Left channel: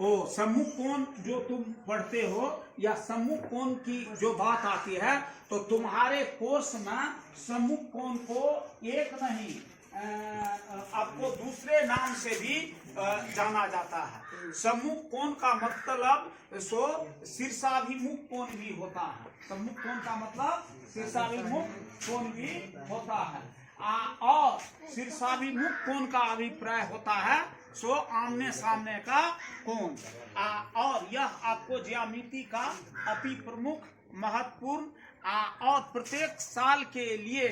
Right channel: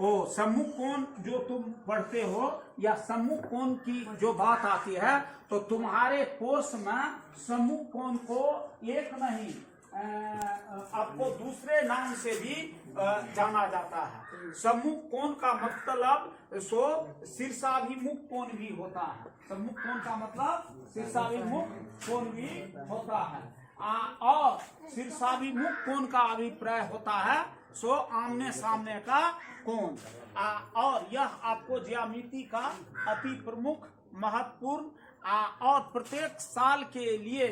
ओ सम्मुख कोण जो तुम पढ़ते हो या सम्मुख कोण की जो बात आती है तो तुम्हारे कोर्स में सम्मुख कोण को एक नहीं आपको दूसरे नाम से भी जाना जाता है। सम्मुख कोण का मतलब सो शीर्षाभिमुख कोण भी होता है। सम्मुख कोण का मतलब शीर्षाभिमुख कोण भी होता है और शीर्षाभिमुख कोण का अभिप्राय होता है सो आमने सामने का कोण और यह आपको ज्यामिति का अति प्रमुख महत्वपूर्ण और प्रत्येक साल के लिए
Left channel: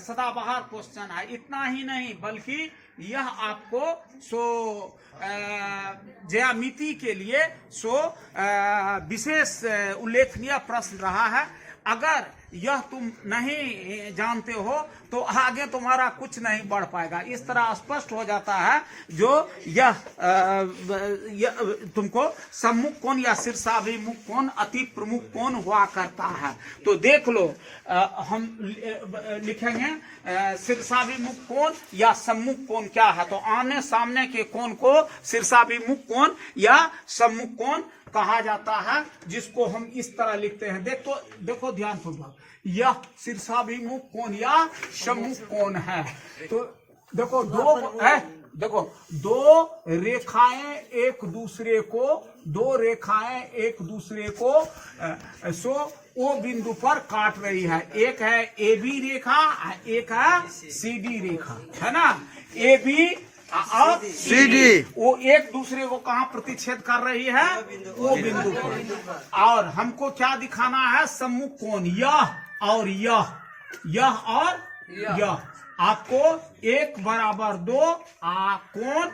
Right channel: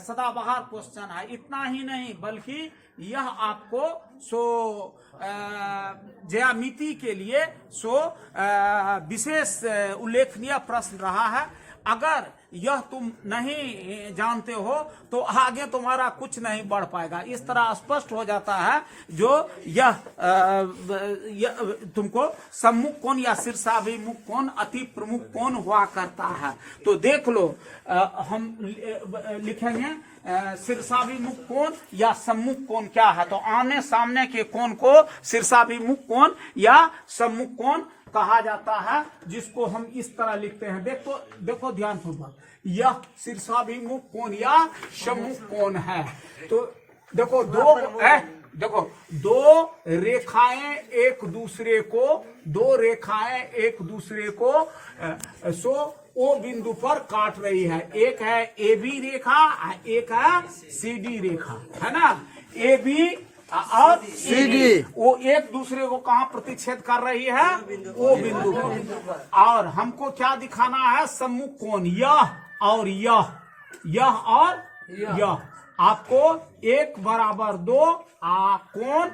सदाबहार क्वेश्चन है। इतना ही नहीं बल्कि यह आपको सो ज्यामिति के लिए सो विशेष उल्लेखनीय प्रश्न रहा है। अगर यह तुम नहीं जानते हो तो आगे तुम्हारा कुछ नहीं बढ़ पाएगा। इस तरह स्पष्ट हो जाता है जो यह तुमको सम्मुख कोण या शीर्षाभिमुख कोण अति प्रमुख कोण हुआ करता है। तो देख लो हम लिखेंगे शीर्षाभिमुख कोण या सम्मुख कोण क्या है। तो आमने सामने के कोण को शीर्षाभिमुख कोण या सम्मुख कोण कहा जाता है, जिसको हम इस तरह लिखते हैं। देखो ध्यान पूर्वक, यह शीर्षाभिमुख कोण या सम्मुख कोण है। तो देखो दो रेखाएं एक दूसरे को सो ओ बिंदु पर काट रही है। एक है ए बी रेखा, एक है सी डी रेखा, है ना। ए बी और सी डी वो एक दूसरे को कहाँ प्रतिच्छेद कर रही है, वो बिंदु पर। और हमको क्या दिखाना है, सम्मुख कोण यह और यह और यह। आपको 1 बराबर 2 कोण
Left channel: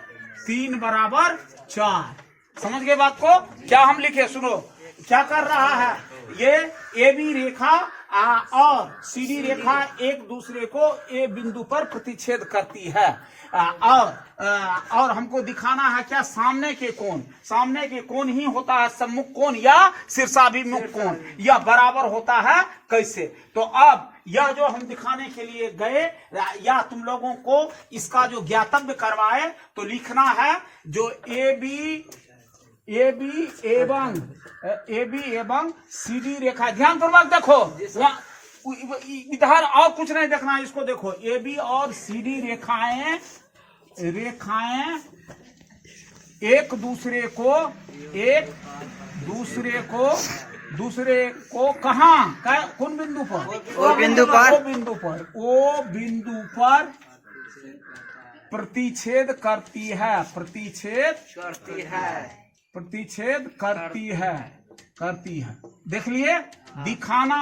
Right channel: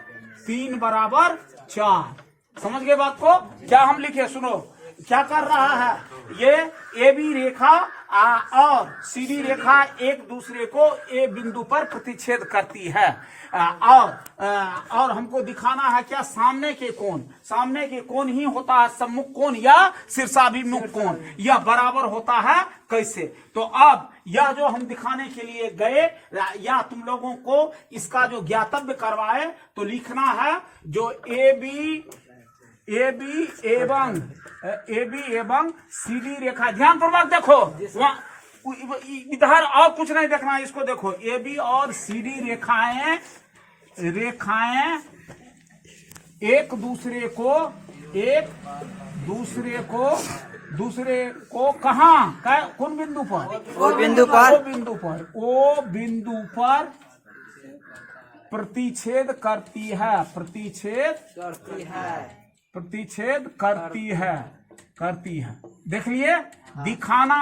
3 बराबर 4। समझ गए बात को। क्या हम लिखे, सुनो क्या कर रहा है। ये ए बी रेखा और सी डी रेखा एक दूसरे को ए बिंदु पर प्रतिच्छेद करती है और हमको दिखाना है क्या, सामने के कोण ही होता है सम्मुख कोण या शीर्षाभिमुख कोण। यह बराबर होता है कैसे। तो अब यह जो हम दिखाने के लिए गए या तुम लोगों को इसका जो ज्ञातव्य करवाए तो लिखना है जो ए बी एवं सी डी रेखा। ध्यान पूर्वक देखो, इधर और कुछ नहीं देखना, इसको देखो। ए बी और सी डी रेखाएं एक दूसरे को कहाँ, कौन बिंदु पर, ओ बिंदु पर प्रतिच्छेद करती है। देख लिए, दिखाना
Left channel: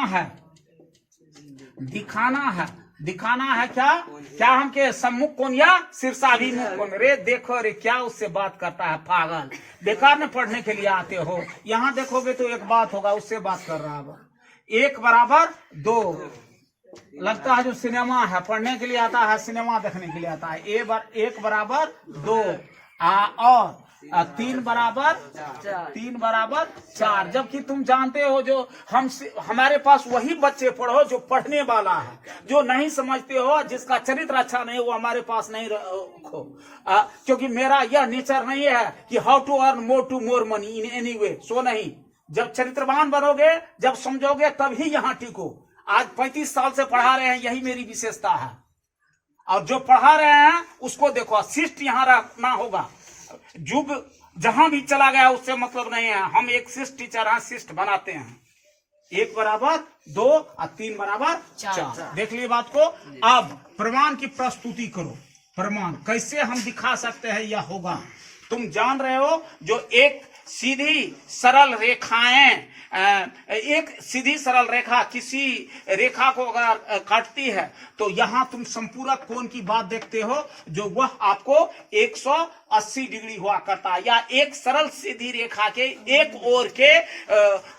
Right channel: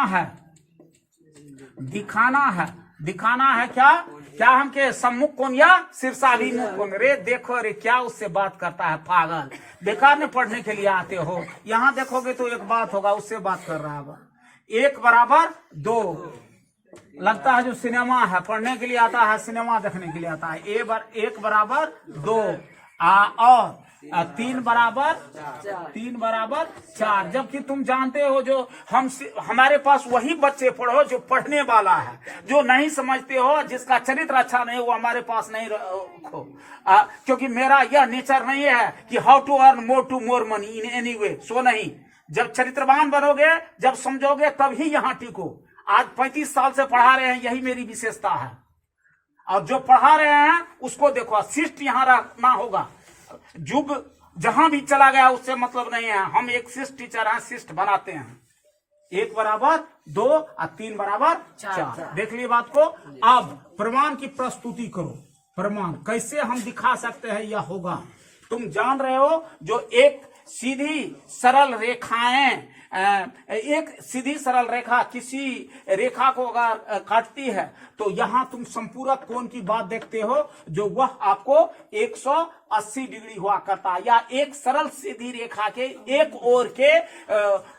है क्या हमके सम्मुख कोण या शीर्षाभिमुख कोण। रे देखो रे, क्या उससे बात करता है पागल, बेकार में पढ़ने के लिए आते हो। यहाँ देखोगे तो एक बात होगा, उससे बात कर रहा है। 1 बराबर 2 लगता है जो सिनेमा है, पढ़ने के लिए आता है, सिनेमा देखने के लिए आता है। 1 बराबर 2 और 3 बराबर 4। जबकि तुम जानते हो जो हमारे पास वही बच्चे पढ़ो जो पढ़ने वाला है, जो नहीं समझते हो, जिसका चरित्र अच्छा नहीं, वो हमारे पास नहीं रखो। क्योंकि मेरा यह नेचर नहीं है कि how to earn more money in any way. So नहीं, जब चरित्रवान बनोगे, जब समझोगे, तभी यहाँ टिको। आज 35 साल से पढ़ा रहे हैं, यही मेरी विशेषता है। और जो पढ़ा रहे हैं उसको देखो, शिष्ट यहाँ रखना होगा। युग जहां भी चला गया उससे मतलब नहीं है, हम एक शिष्ट टीचर हैं, शिष्ट बनाते हैं। 1 बराबर 2 और 3 बराबर 4। देख लिए बात को। अब प्रमाण की प्रस्तुति करो। प्रमाण कैसे हम दिखा सकते हैं, यह होगा। तुम जान रहे हो जो एक सीधी सरल रेखा किसी रेखा को अगर काटती है तो यहाँ तुम संपूरक कोण की बात देखते हो, जो वह आपको 180 डिग्री हुआ करता है। या एक सरल सीधी रेखा के एक ओर के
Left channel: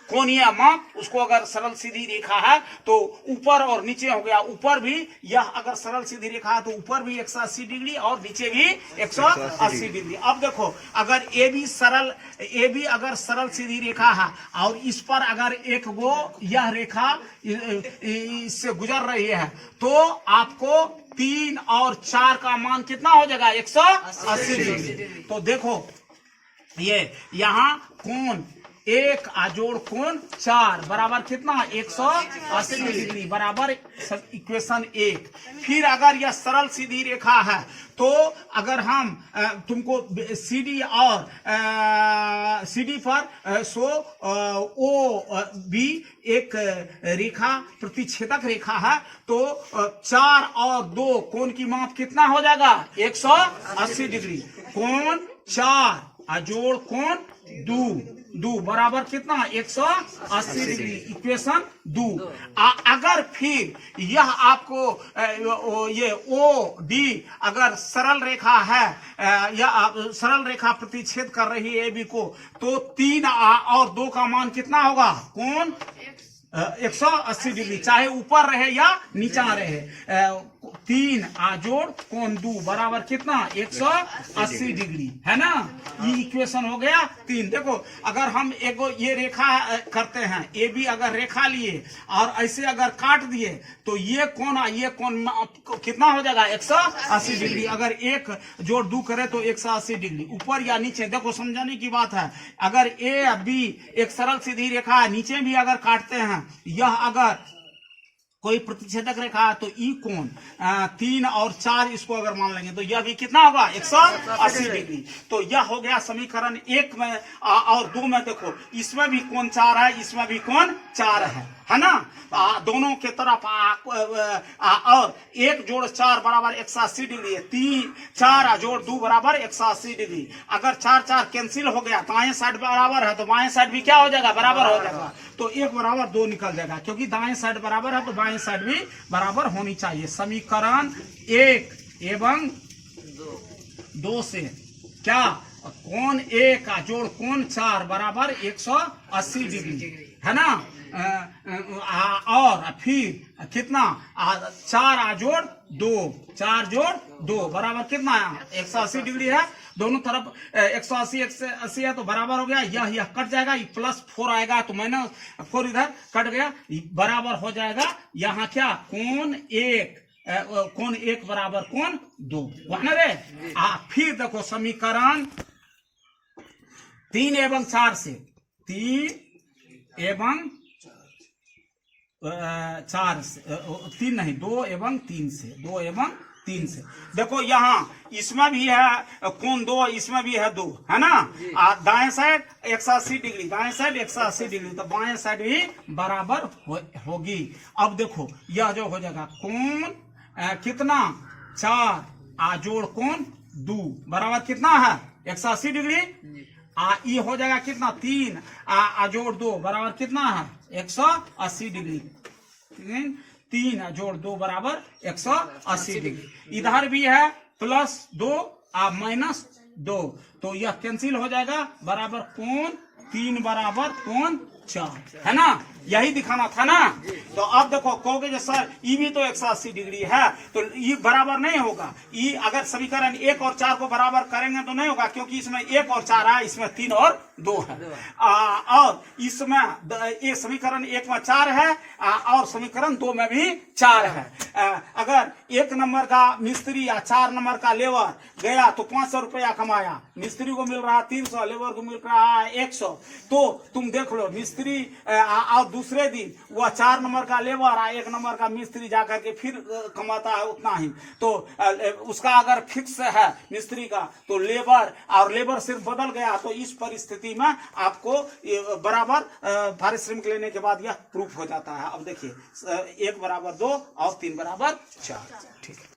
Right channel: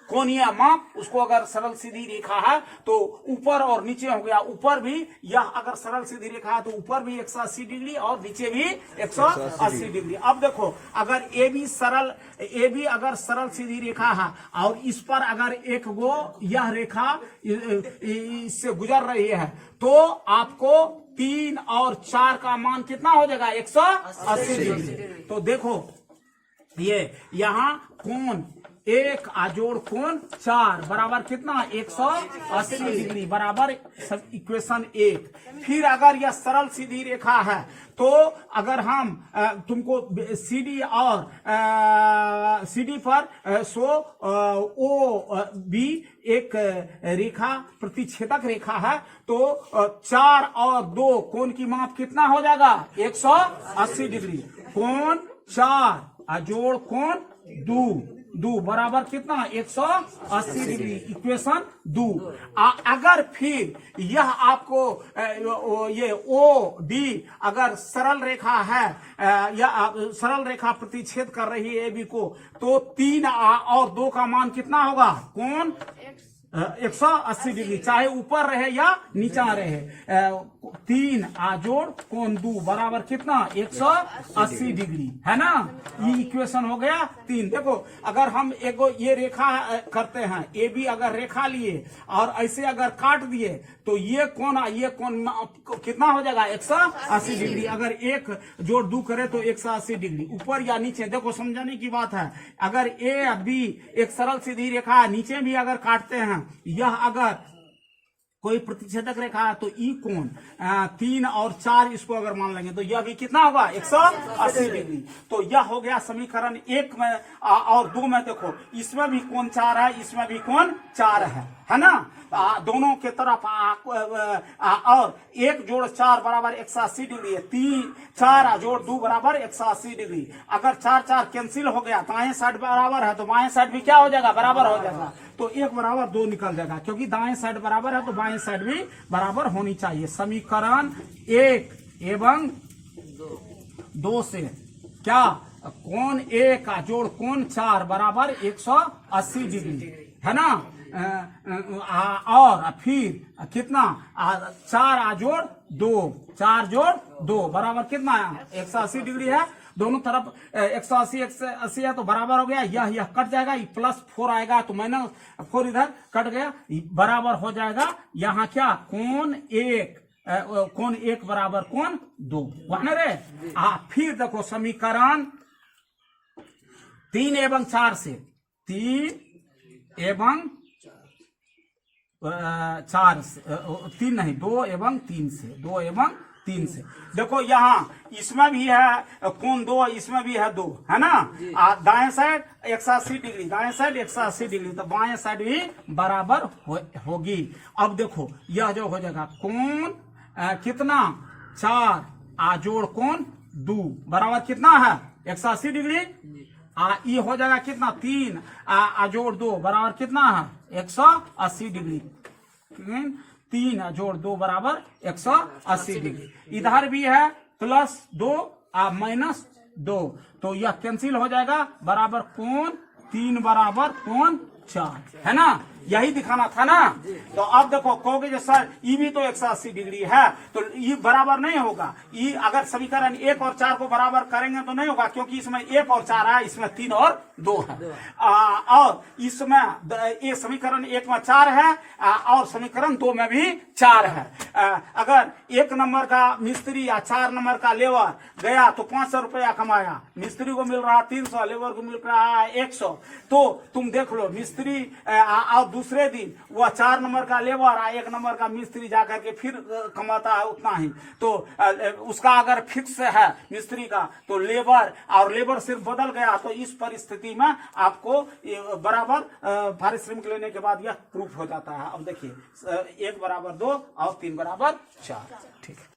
कोणीय माप, उसको अगर सरल सीधी रेखा है तो ऊपर और नीचे हो गया। ऊपर भी यह अगर सरल सीधी रेखा है तो ऊपर भी 180 डिग्री और नीचे भी 180 डिग्री। अब देखो, अगर ए बी अगर सरल सीधी रेखा है और इस पर अगर एक वो यह रेखा इससे गुजर रही है तो आपको 3 और 4 का मान कितना हो जाएगा, 180 डिग्री। तो देखो ये यहाँ कोण 1 जोड़ कोण 4 बराबर कितना 180 डिग्री बराबर इक्वेशन 1। फिर अगर यह सरल सीधी रेखा है तो अगर हम तुमको CD और CD पर ओ बी एक रेखा प्रतिच्छेदक रेखा है तो 4 और 2 कोण की माप कितना हो जाएगा 180 डिग्री। कोण 4 जोड़ कोण 2 बराबर कितना 180 डिग्री इक्वेशन 2। अगर फिर यह आपको ये OD अगर सरल रेखा है या सरल रेखा प्रतिच्छेद कर रही है AB को तो 3 और 2 का मान कितना होगा कोण 180 डिग्री चाहे ऊपर रहे या नीचा रहे। 3 जोड़ कोण 2 बराबर कितना 180 डिग्री है ना। ये इक्वेशन हो गया 3। देखो अगर हम एक ये रेखा करते हैं AB अगर रेखा लिए और ऐसे अगर काट दिए तो ये कोण कितना हो जाएगा 180 डिग्री। अगर 1 जोड़ 2 करे तो 180 डिग्री ऊपर या नीचे। देखो समझाने की बात है अगर AB एक सरल सीधी रेखा है नीचे भी अगर काटते हैं यह अगर कोई प्रतिच्छेदक रेखा है तो ई कोण 3 और 4 इसको अगर मान लेंगे तो यह भी कितना होगा 180 डिग्री। तो यह हो गया समीकरण 1 में और 2 में। देखो इसमें भी कोण 4 है इसमें भी कोण 4 है ना। दोनों के तरफ और 1 जोड़ 4 बराबर 180 डिग्री है। 4 जोड़ 2 बराबर 180 डिग्री। अगर 4 4 कैंसिल हो गया दाएं साइड बराबर है तो बाएं साइड भी क्या हो जाएगा बराबर हो जाएगा। तो 1 बराबर 2 निकल जाएगा क्योंकि दाएं साइड बराबर है तो बाएं साइड भी बराबर होनी चाहिए। समीकरण 1 एवं 2 से क्या कोण 1 जोड़ कोण 4 बराबर 180 डिग्री है ना। और फिर कितना 4 जोड़ 2 बराबर कितना 180 डिग्री है। दोनों तरफ 180 है तो बराबर हो गया। यह कट जाएगा ये +4 आएगा तो -4 इधर कट गया बराबर हो जाएगा यहाँ क्या कोण 1 बराबर कोण 2 वहां रे। फिर देखो समीकरण 3 एवं 4 से 3 एवं 4 से 3 नहीं 2 एवं 3 से देखो यहाँ इसमें भी है कोण 2 इसमें भी है 2 है ना। दाएं साइड 180 डिग्री दाएं साइड 180 डिग्री तो बाएं साइड भी बराबर होगी। अब देखो यह जो हो जाएगा कोण कितना 4 जोड़ कोण 2 बराबर कितना है 180 डिग्री। ये हो जाएगा कितना 3 जोड़ 2 बराबर कितना है 180 डिग्री। 3 जोड़ 2 बराबर 180 डिग्री। इधर भी है +2 -2 तो यह कैंसिल हो जाएगा बराबर कोण 3 बराबर कोण 4 है ना। यही दिखाना था ना। तो अब देखो कहोगे जो सर ये भी तो 180 डिग्री है तो ये बराबर नहीं होगा। ये अगर समीकरण 1 और 4 को बराबर करेंगे तो नहीं होगा क्योंकि इसमें 1 और 4 है इसमें 3 और 2 है। और इसमें ये समीकरण 1 में 4 है और समीकरण 2 में भी 4 है। अगर 1 नंबर का मिस्त्री या 4 नंबर का लेबर गया तो 500 रुपया कमाया। मिस्त्री को मिल रहा है 300 लेबर को मिल रहा है 100। तो तुम देख लो मिस्त्री और दूसरे दिन वह 4 नंबर का लेबर 1 नंबर का मिस्त्री जाकर के फिर कमाता है उतना ही। तो उसका अगर फिक्स है मिस्त्री का तो लेबर सिर्फ बदल गया तो इस परिस्थिति में आपको बराबर पारिश्रमिक लेने के बाद यह प्रूफ हो जाता है। अब देखिए 1 बराबर 2 और 3 बराबर 4 ठीक है।